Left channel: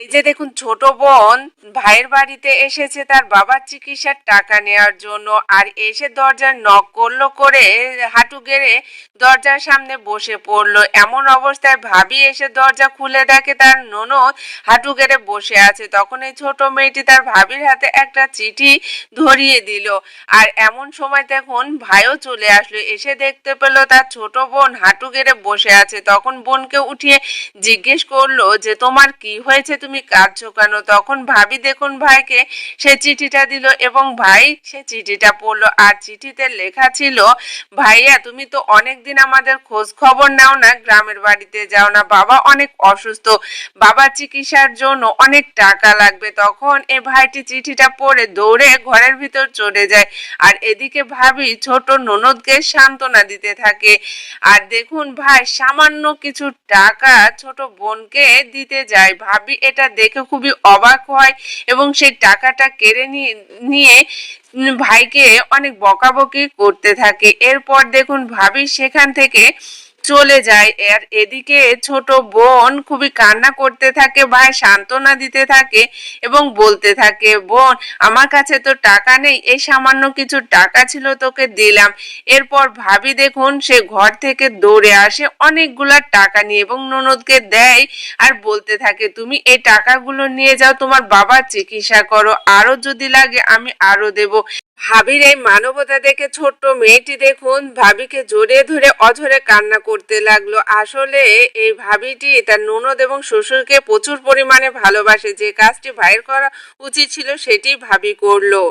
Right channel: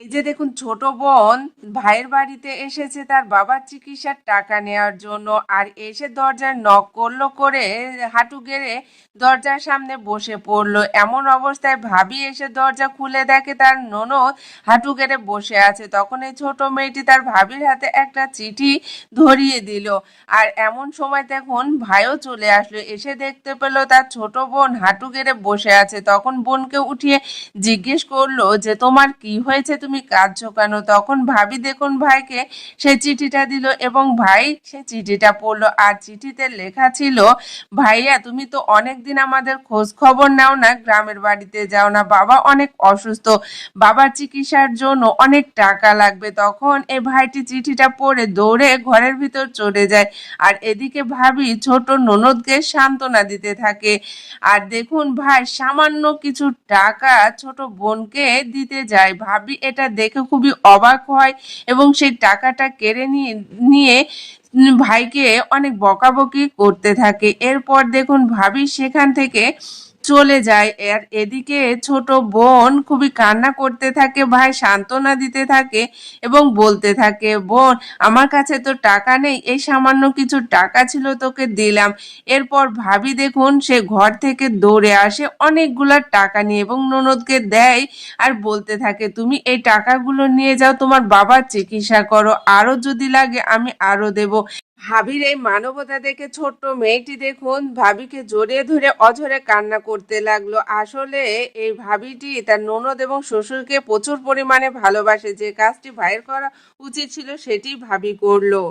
এই যে দেখুন, ছোট বোন ভাইয়ের বাড়িতে এসেছে তার বাবার চিকিৎসার টাকা নেওয়ার জন্য। আর এসে দরজার নক করলো করে হাঁটু গেড়ে দরজার সামনে বসে পড়লো। এমন অবস্থায় ভাবি এসে দরজা খুলে দেখে তার ননদ হাঁটু গেড়ে বসে আছে। তখন এই ছোট মেয়েটি তার ভাবির হাতে একটা চিঠি ধরিয়ে দিল। আর এমন সময় দেখুন ভাইও চলে আসলো, এসে দেখতে পেলো তার ছোট বোন হাঁটু গেড়ে বসে আছে। তখন বোনকে উঠিয়ে জিজ্ঞেস করলো যে তোমার কি হয়েছে, তুমি কাঁদছো কেন? তখন ভাবি দেখুন ভাইকে সে চিঠিটা দিল এবং ভাই সে চিঠিটা পড়লো। আর চিঠিতে লেখা ছিল, ভাইয়া তুমি তো অনেকদিন আমাদের খোঁজ খবর নাও না, গ্রামের বাড়িতে যাও না, বাবা অনেক অসুস্থ, বাবার চিকিৎসার জন্য অনেক টাকা লাগবে। তখন এই ভাইটি চিঠিটা পড়ে দৌড়ে ঘরের ভিতর চলে যায়। আর এদিকে ভাবি ছোট ননদকে সান্ত্বনা দিতে থাকে। আর দেখুন ভাই সামান্য কিছু টাকা ছোট বোনকে দিতে যায়। ভাবি এটা দেখে খুবই অবাক হয় এবং সেই টাকাটা কেড়ে নিয়ে নিয়ে ভাইকে অনেক বকাবকি করতে থাকে। এরপর দেখুন ভাবি সেখান থেকে চলে যায়। আর এদিকে ছোট বোন খুবই কান্না করতে থাকে, ভাই সান্ত্বনা দিতে থাকে এবং বলতে থাকে, বোন আমার কাছে তো টাকা নেই, এই সামান্য কিছু টাকা ছিল তোকে দিলাম। এরপর ভাবি দেখুন সে ঘর থেকে দৌড়ে আসে অনেকগুলা টাকা নিয়ে এবং ননদকে দেয় আর বলতে থাকে, তুমি এই টাকাগুলো নিয়ে যাও, তোমার বাবার চিকিৎসা করো, আরো যদি লাগে আমি আরো দেব। ভাবির এই মানবতা দেখে ছোট্ট মেয়েটি দেখুন ভাবিকে জড়িয়ে ধরে অঝরে কান্না করতে লাগলো। আসলে এই ভাবিটি তার ননদ এবং শ্বশুরকে প্রচুর পরিমাণে ভালোবাসে। যে কাজটি ভাইয়ের করা উচিত ছিল সেটি ভাবি করলো।